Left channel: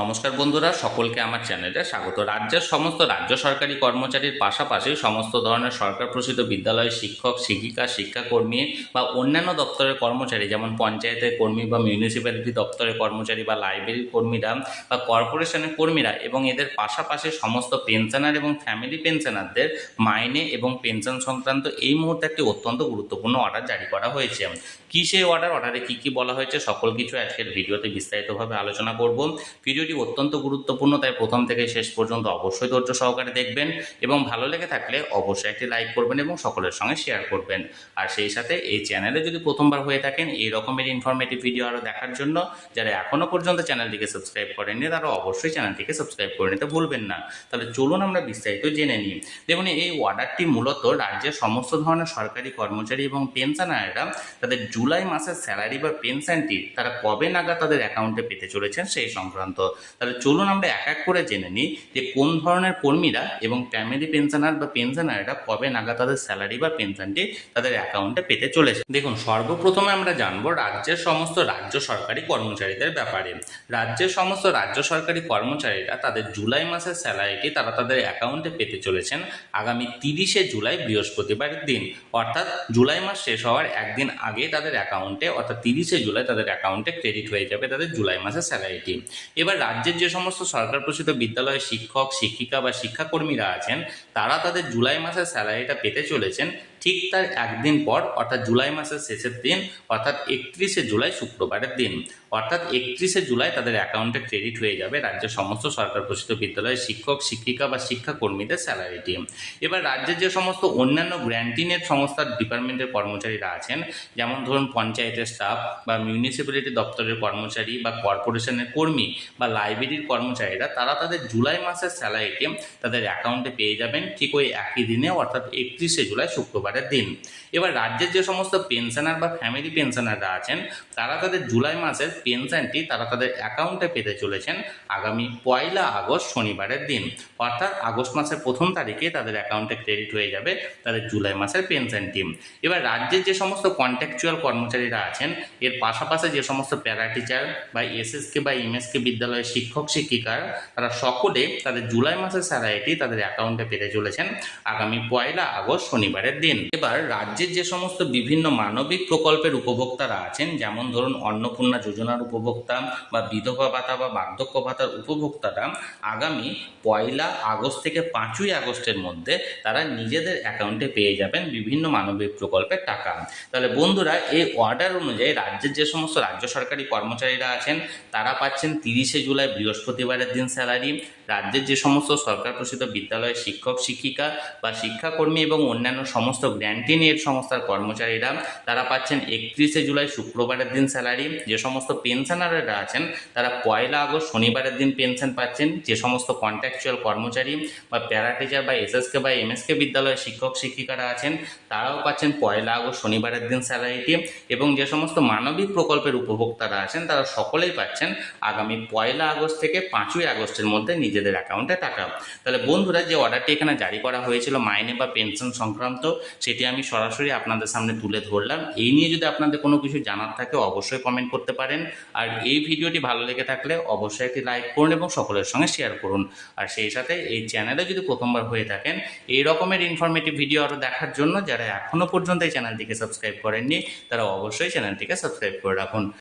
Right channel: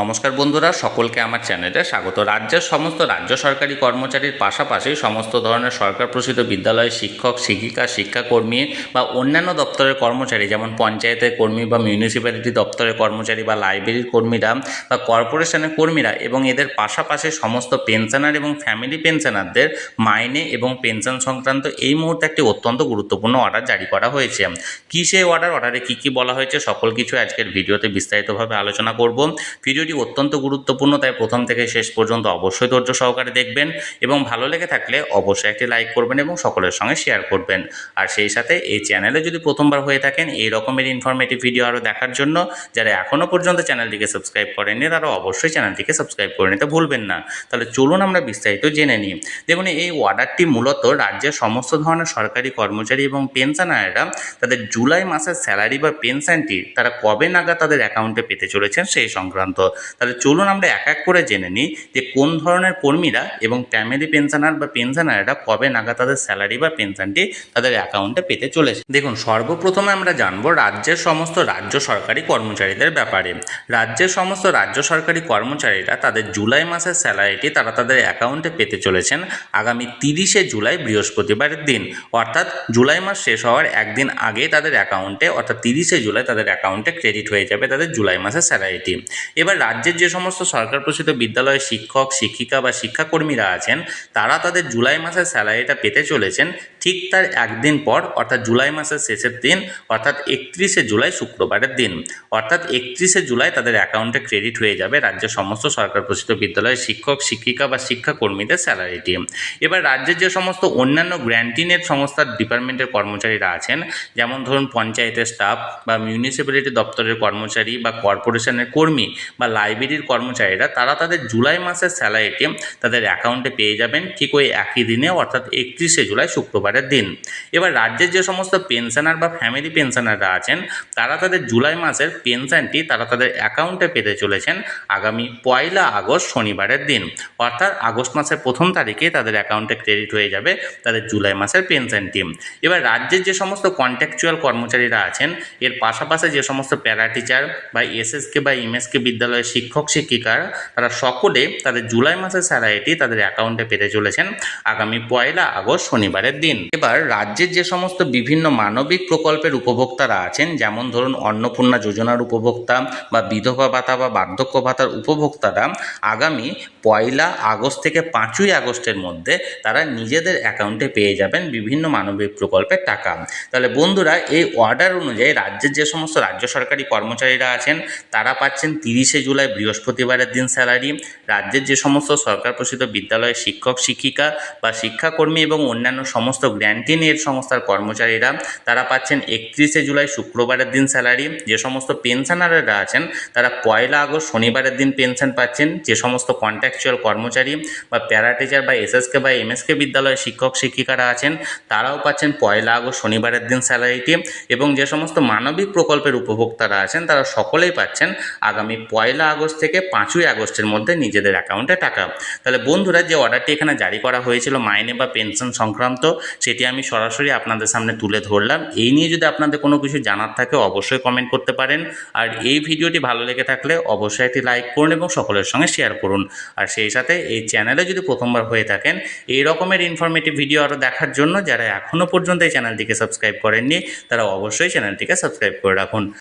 নমস্কার বন্ধুরা, সকলকে আমার চ্যানেলে স্বাগত। রাজ্যের সমস্ত রাজ্য সরকারি কর্মচারীর পাশাপাশি সমস্ত ধরনের সরকার প্রসূত বিদ্যালয়ের শিক্ষক, শিক্ষিকা, শিক্ষাকর্মী বা অন্যান্য দপ্তরের কর্মচারী, যেমন পঞ্চায়েতের কর্মী বা মিউনিসিপ্যালিটি দপ্তরের কর্মচারী বা লাইব্রেরির কর্মীরা বা কর্পোরেশনের কর্মীরা এবং এদের পাশাপাশি সমস্ত পেনশনার এবং ফ্যামিলি পেনশনারদের মাইনে এবং পেনশন সংক্রান্ত এই মুহূর্তে একটি অত্যন্ত গুরুত্বপূর্ণ অর্ডার জারি করা হয়েছে। কী সেই অর্ডারে কী কী বলা হয়েছে সকল কিছু আজকের ভিডিওতে বিস্তারিতভাবে আলোচনা করব। ভিডিওটি অত্যন্ত গুরুত্বপূর্ণ, তাই প্রথম থেকে শেষ পর্যন্ত অবশ্যই ধৈর্য সহকারে দেখবেন এবং ভালো লেগে থাকলে অবশ্যই একটি লাইক করবেন এবং সকলের সঙ্গে শেয়ার করবেন। আর সেই সাথে এই চ্যানেলে যদি প্রথমবার হয়ে থাকেন এই রকমের ইনফরমেটিভ ভিডিও আরও দেখার জন্য যারা এখনও পর্যন্ত চ্যানেলটিকে সাবস্ক্রাইব করেননি তারা অবশ্যই চ্যানেলটিকে সাবস্ক্রাইব করে নিতে ভুলবেন না। তাহলে চলুন আমরা বিস্তারিত জেনে নিই। দেখুন, এই অর্ডারটি মূলত রাজ্যের সমস্ত ধরনের সরকারি কর্মচারী এবং পেনশনাররা তাদের জুলাই মাসের স্যালারি বা পেনশনটি তারা কবে নাগাদ তাদের অ্যাকাউন্টে পেতে চলেছেন সেই সংক্রান্ত। তাহলে চলুন আমরা এক এক করে জেনে নিই যে কোন ধরনের কর্মীরা এবং ফ্যামিলি পেনশনার বা পেনশনাররা কবে নাগাদ তাদের স্যালারি বা পেনশনটি তাদের অ্যাকাউন্টে পেতে চলেছে। দেখুন, সর্বপ্রথমে আমরা জানবো রাজ্যের সমস্ত রাজ্য সরকারি কর্মচারীদের ব্যাপারে। রাজ্যের সমস্ত রাজ্য সরকারি কর্মচারীরা তাদের জুলাই মাসের স্যালারিটি তারা তাদের অ্যাকাউন্টে পেতে চলেছেন আগামী 30শে জুলাই বৃহস্পতিবারের দিন, অর্থাৎ জুলাই মাস শেষ হওয়ার একদিন আগে তাদের অ্যাকাউন্টে অর্থাৎ 30শে জুলাই তাদের অ্যাকাউন্টে ক্রেডিট হয়ে যাবে তাদের জুলাই মাসের স্যালারিটি। এবার রাজ্যের যে সমস্ত সরকার প্রসূত বিদ্যালয়ের শিক্ষক, শিক্ষিকা বা শিক্ষাকর্মীরা আছেন তারা তাদের জুলাই মাসের স্যালারিটা পেতে চলেছেন ঠিক তার একদিন পর, অর্থাৎ জুলাই মাসের শেষের দিন, অর্থাৎ 31শে জুলাই শুক্রবারের দিন। অর্থাৎ 31শে জুলাই তাদের অ্যাকাউন্টে ক্রেডিট হয়ে যাবে রাজ্যের সমস্ত সরকার প্রসূত বিদ্যালয়ের শিক্ষক, শিক্ষিকা বা শিক্ষাকর্মীদের স্যালারিটি। এবার রাজ্যের যে সমস্ত অন্যান্য গ্র্যান্টিনেট সংস্থার ডিপার্টমেন্টের কর্মচারীরা আছেন, যেমন ধরুন পঞ্চায়েতের স্টাফ বা মিউনিসিপ্যালিটি দপ্তরের কর্মচারী বা কর্পোরেশনের কর্মী বা লাইব্রেরির কর্মচারীরা তারা তাদের জুলাই মাসের স্যালারিটি তাদের অ্যাকাউন্টে পেয়ে যাবেন ঠিক ওই একই দিনে, অর্থাৎ 31শে জুলাই শুক্রবারের দিন। এবার রাজ্যের যে সমস্ত পেনশনার বা ফ্যামিলি পেনশনাররা আছেন তারা তাদের জুলাই মাসের পেনশনটি তারা তাদের অ্যাকাউন্টে পেতে চলেছেন আগামী 1 আগস্ট শনিবারের দিন, অর্থাৎ আগস্ট মাসের 1 তারিখে তাদের অ্যাকাউন্টে ক্রেডিট হয়ে যাবে তাদের জুলাই মাসের পেনশনটি। এবার রাজ্যের যে সমস্ত কন্ট্রাকচুয়াল কর্মচারীরা আছেন এর পাশাপাশি যে সমস্ত প্যারা টিচার বা এসএসকে বা এমএসকে বিদ্যালয়ের শিক্ষক, শিক্ষিকারা তারা সকলে তাদের জুলাই মাসের স্যালারিটি তাদের অ্যাকাউন্টে পেতে চলেছেন আগামী 1 আগস্ট শনিবারের দিন। এবার রাজ্যের যে সমস্ত বিভিন্ন মানবিক প্রকল্পের উপভোক্তারা আছেন, যেমন ধরুন অন্নপূর্ণা যোজনার উপভোক্তা বা বিধবা ভাতা বা বার্ধক্য ভাতার উপভোক্তারা আগামী 1 আগস্ট থেকে 5ই আগস্টের মধ্যে তারা নিজেদের অ্যাকাউন্টে পেয়ে যাবেন বিভিন্ন মানবিক প্রকল্পের টাকা। তাহলে বন্ধুরা, এই অর্ডার অনুযায়ী রাজ্যের যে সমস্ত রাজ্য সরকারি কর্মচারীরা আছেন তারা পাচ্ছেন 30শে জুলাই বৃহস্পতিবারের দিন স্যালারি। রাজ্যের যে সমস্ত সরকার প্রসূত বিদ্যালয়ের শিক্ষক, শিক্ষিকা বা শিক্ষাকর্মী এবং অন্যান্য সমস্ত গ্র্যান্টিন এড সংস্থার কর্মচারীরা তারা পাচ্ছেন 31শে জুলাই শুক্রবারের দিন স্যালারি। যে সমস্ত পেনশনাররা আছেন তারা 1 আগস্ট শনিবারের দিন পেনশন পাচ্ছেন। যে সমস্ত কন্ট্রাকচুয়াল কর্মচারী বা প্যারা টিচার বা এসএসকে বা এমএসকে বিদ্যালয়ের শিক্ষক, শিক্ষিকারা আছেন তারাও পাচ্ছেন 1 আগস্ট শনিবারের দিন স্যালারিটি। এবং যে সমস্ত মানবিক প্রকল্পের উপভোক্তারা আছেন তারা সকলেই পাচ্ছেন আগামী 1 আগস্ট থেকে 5ই আগস্টের মধ্যে নিজেদের অ্যাকাউন্টে টাকা। তাহলে বন্ধুরা, যে অর্ডারটি এখানে জারি করা হয়েছিল মাইনে বা পেনশন সংক্রান্ত, সেটি আমি সরাসরি আপনাদের সামনে তুলে ধরলাম। এই নিয়ে যদি আপনাদের কোনো কিছু জানার থাকে অবশ্যই কমেন্ট করতে পারেন। আর এই ভিডিওটি ভালো লেগে থাকলে অবশ্যই একটি লাইক করুন এবং সকলের সঙ্গে শেয়ার করুন। আর সেই সাথে এই চ্যানেলে যদি প্রথমবার হয়ে থাকেন এই রকমের ইনফরমেটিভ ভিডিও আরও দেখার জন্য যারা এখনও পর্যন্ত এই চ্যানেলটিকে সাবস্ক্রাইব করেননি তারা অবশ্যই চ্যানেলটিকে সাবস্ক্রাইব করে রাখুন।